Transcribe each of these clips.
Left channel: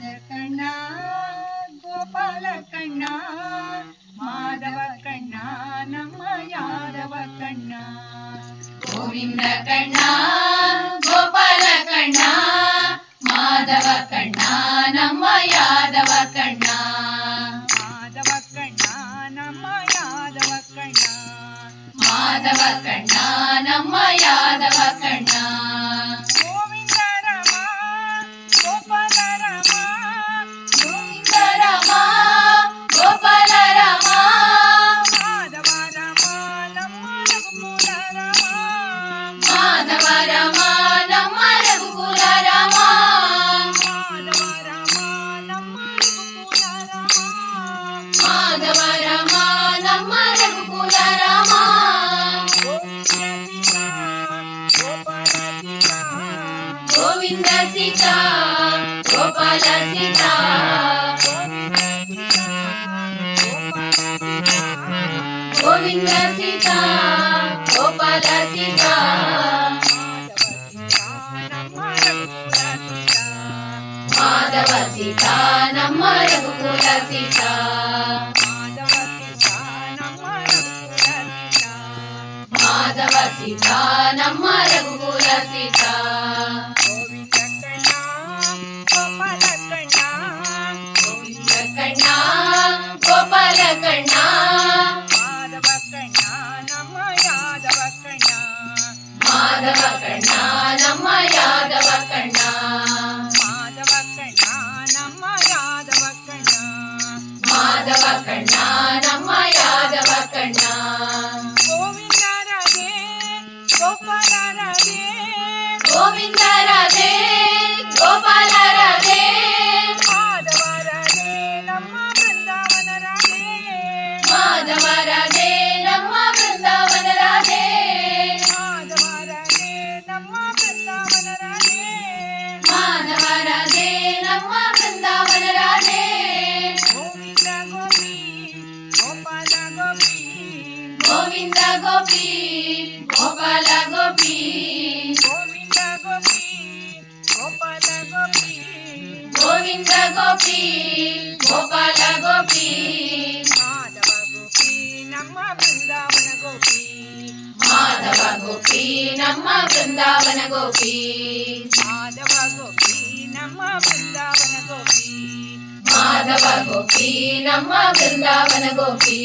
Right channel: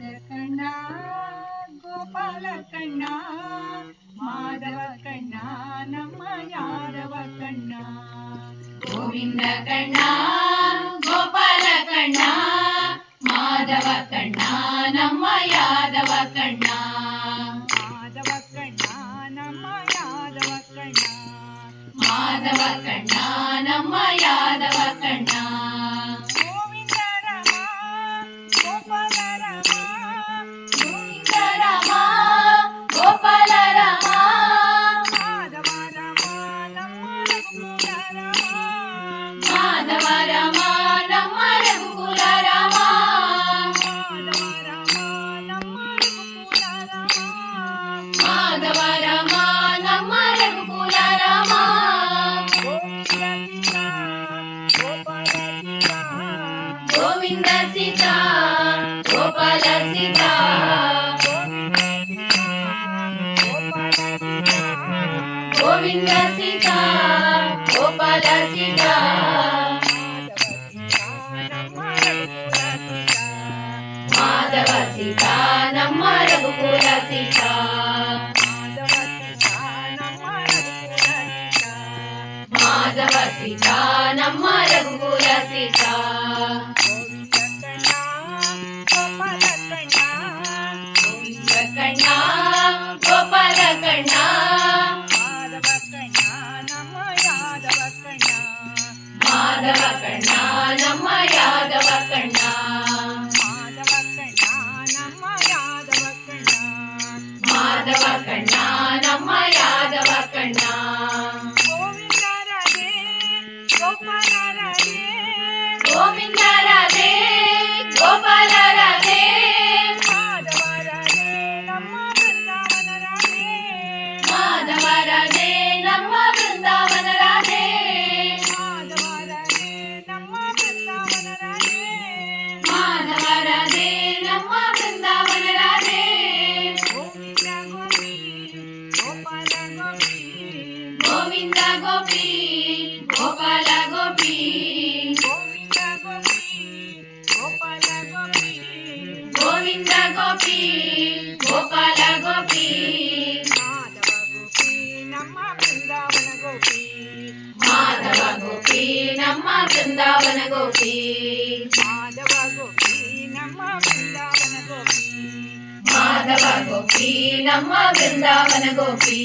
ಕಣ್ಣ ಗೋಪಾಲ ಕಣ್ಣ ಮಾಧವ ಕಣ್ಣ ನಮ್ಮ ಯಾದವ ಕಣ್ಣ. ಗೋವಿಂದ ಕಣ್ಣ ಗೋಪಾಲ ಕಣ್ಣ ಮಾಧವ ಕಣ್ಣ ನಮ್ಮ ಯಾದವ ಕಣ್ಣ. ಮಾಧವ ಕಣ್ಣ ನಮ್ಮ ಯಾದವ ಕಣ್ಣ. ಮಾಧವ ಕಣ್ಣ ನಮ್ಮ ಯಾದವ ಕಣ್ಣ. ಗೋವಿಂದ ರಾಮ ಗೋಪಾಲ ರಾಮ ಗೋವಿಂದ ರಾಮ ಗೋಪಾಲ ರಾಮ ಮಾಧವ ರಾಮ ನಮ್ಮ ರಘುಕುಲ ರಾಮ. ಮಾಧವ ರಾಮ ನಮ್ಮ ರಘುಕುಲ ರಾಮ. ಮಾಧವ ರಾಮ ನಮ್ಮ ರಘುಕುಲ ರಾಮ. ಮಾಧವ ರಾಮ ಗೋವಿಂದ ಸೀತಾ ಗೋಪಾಲ ಸೀತಾ. ಗೋವಿಂದ ಸೀತಾ ಗೋಪಾಲ ಸೀತಾ. ಮಾಧವ ಸೀತಾ ನಮ್ಮ ರಘುಕುಲ ಸೀತಾ. ಮಾಧವ ಸೀತಾ ನಮ್ಮ ರಘುಕುಲ ಸೀತಾ. ಗೋವಿಂದ ಕಣ್ಣ ಗೋಪಾಲ ಕಣ್ಣ. ಮಾಧವ ಕಣ್ಣ ನಮ್ಮ ಯಾದವ ಕಣ್ಣ. ಮಾಧವ ಕಣ್ಣ ನಮ್ಮ ಯಾದವ ಕಣ್ಣ. ಮಾಧವ ಕಣ್ಣ ನಮ್ಮ ಯಾದವ ಕಣ್ಣ. ಮಾಧವ ಕಣ್ಣ ನಮ್ಮ ಯಾದವ ಕಣ್ಣ. ಗೋವಿಂದ ರಾಧೆ ಗೋಪಾಲ ರಾಧೆ. ಗೋವಿಂದ ರಾಧೆ ಗೋಪಾಲ ರಾಧೆ. ಮಾಧವ ರಾಧೆ ನಮ್ಮ ಬೃಂದಾವನ ರಾಧೆ. ಮಾಧವ ರಾಧೆ ನಮ್ಮ ಬೃಂದಾವನ ರಾಧೆ. ಮಾಧವ ರಾಧೆ ನಮ್ಮ ಬೃಂದಾವನ ರಾಧೆ. ಮಾಧವ ರಾಧೆ ನಮ್ಮ ಬೃಂದಾವನ ರಾಧೆ. ಗೋವಿಂದ ಗೋಪಿ ಗೋಪಾಲ ಗೋಪಿ. ಗೋವಿಂದ ಗೋಪಿ ಗೋಪಾಲ ಗೋಪಿ. ಗೋವಿಂದ ಗೋಪಿ ಗೋಪಾಲ ಗೋಪಿ. ಗೋವಿಂದ ಗೋಪಿ ಗೋಪಾಲ ಗೋಪಿ. ಮಾಧವ ಗೋಪಿ ನಮ್ಮ ಬೃಂದಾವನ ಗೋಪಿ. ಮಾಧವ ಗೋಪಿ ನಮ್ಮ ಬೃಂದಾವನ ಗೋಪಿ. ಮಾಧವ ಗೋಪಿ ನಮ್ಮ ಬೃಂದಾವನ ಗೋಪಿ. ಮಾಧವ ಗೋಪಿ ನಮ್ಮ ಬೃಂದಾವನ ಗೋಪಿ.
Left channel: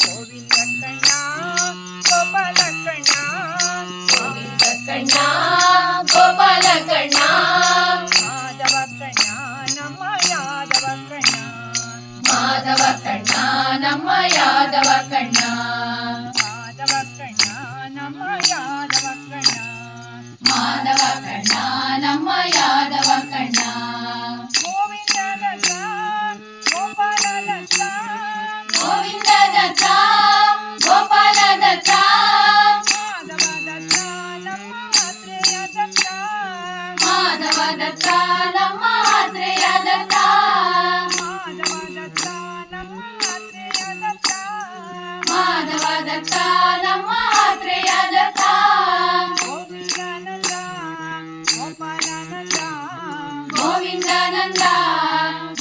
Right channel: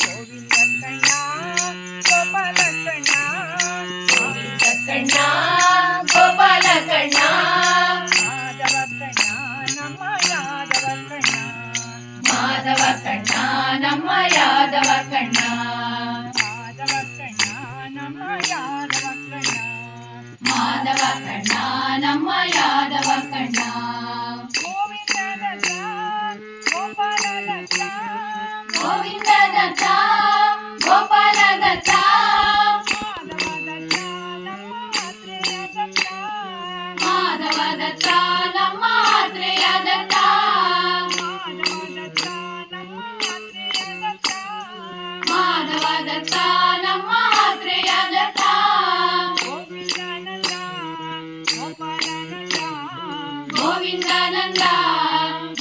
ಗೋವಿಂದ ಕಣ್ಣ ಗೋಪಾಲ ಕಣ್ಣ. ಗೋವಿಂದ ಕಣ್ಣ ಗೋಪಾಲ ಕಣ್ಣ. ಮಾಧವ ಕಣ್ಣ ನಮ್ಮ ಯಾದವ ಕಣ್ಣ. ಮಾಧವ ಕಣ್ಣ ನಮ್ಮ ಯಾದವ ಕಣ್ಣ. ಮಾಧವ ಕಣ್ಣ ನಮ್ಮ ಯಾದವ ಕಣ್ಣ. ಮಾಧವ ಕಣ್ಣ ನಮ್ಮ ಯಾದವ ಕಣ್ಣ. ಗೋವಿಂದ ದತ್ತ ಗೋಪಾಲ ದತ್ತ. ಗೋವಿಂದ ದತ್ತ ಗೋಪಾಲ ದತ್ತ. ಮಾಧವ ದತ್ತ ನಮ್ಮ ಆತ್ರೇಯ ದತ್ತ. ಮಾಧವ ದತ್ತ ನಮ್ಮ ಆತ್ರೇಯ ದತ್ತ. ಮಾಧವ ದತ್ತ ನಮ್ಮ ಆತ್ರೇಯ ದತ್ತ. ಮಾಧವ ದತ್ತ ನಮ್ಮ ಆತ್ರೇಯ ದತ್ತ. ಗೋವಿಂದಾನಂದ ಗೋಪಾಲಾನಂದ. ಗೋವಿಂದಾನಂದ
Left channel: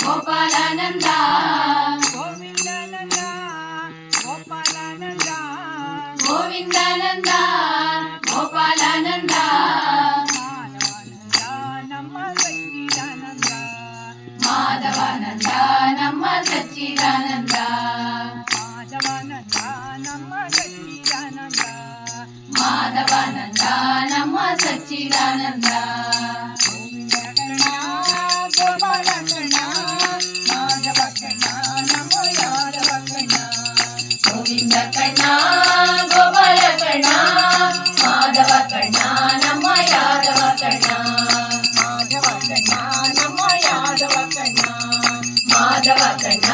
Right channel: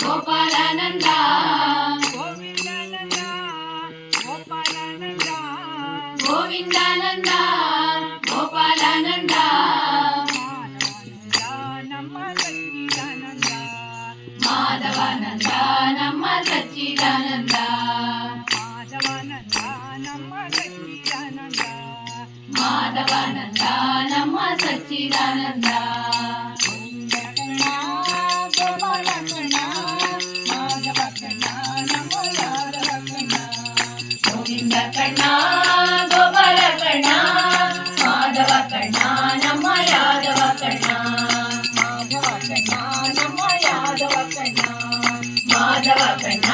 ಗೋಪಾಲಾನಂದ. ಗೋವಿಂದಾನಂದ ಗೋಪಾಲಾನಂದ. ಗೋವಿಂದಾನಂದ ಗೋಪಾಲಾನಂದ. ಮಾಧವಾನಂದ ನಮ್ಮ ಸಚ್ಚಿದಾನಂದ. ಮಾಧವಾನಂದ ನಮ್ಮ ಸಚ್ಚಿದಾನಂದ. ಮಾಧವಾನಂದ ನಮ್ಮ ಸಚ್ಚಿದಾನಂದ. ಮಾಧವಾನಂದ ನಮ್ಮ ಸಚ್ಚಿದಾನಂದ. ಗೋವಿಂದ ಕಣ್ಣ ಗೋಪಾಲ ಕಣ್ಣ. ಮಾಧವ ಕಣ್ಣ ನಮ್ಮ ಯಾದವ ಕಣ್ಣ. ಗೋವಿಂದ ಕಣ್ಣ ಗೋಪಾಲ ಕಣ್ಣ. ಮಾಧವ ಕಣ್ಣ ನಮ್ಮ ಯಾದವ ಕಣ್ಣ. ಮಾಧವ ಕಣ್ಣ ನಮ್ಮ ಯಾದವ ಕಣ್ಣ. ಮಾಧವ ಕಣ್ಣ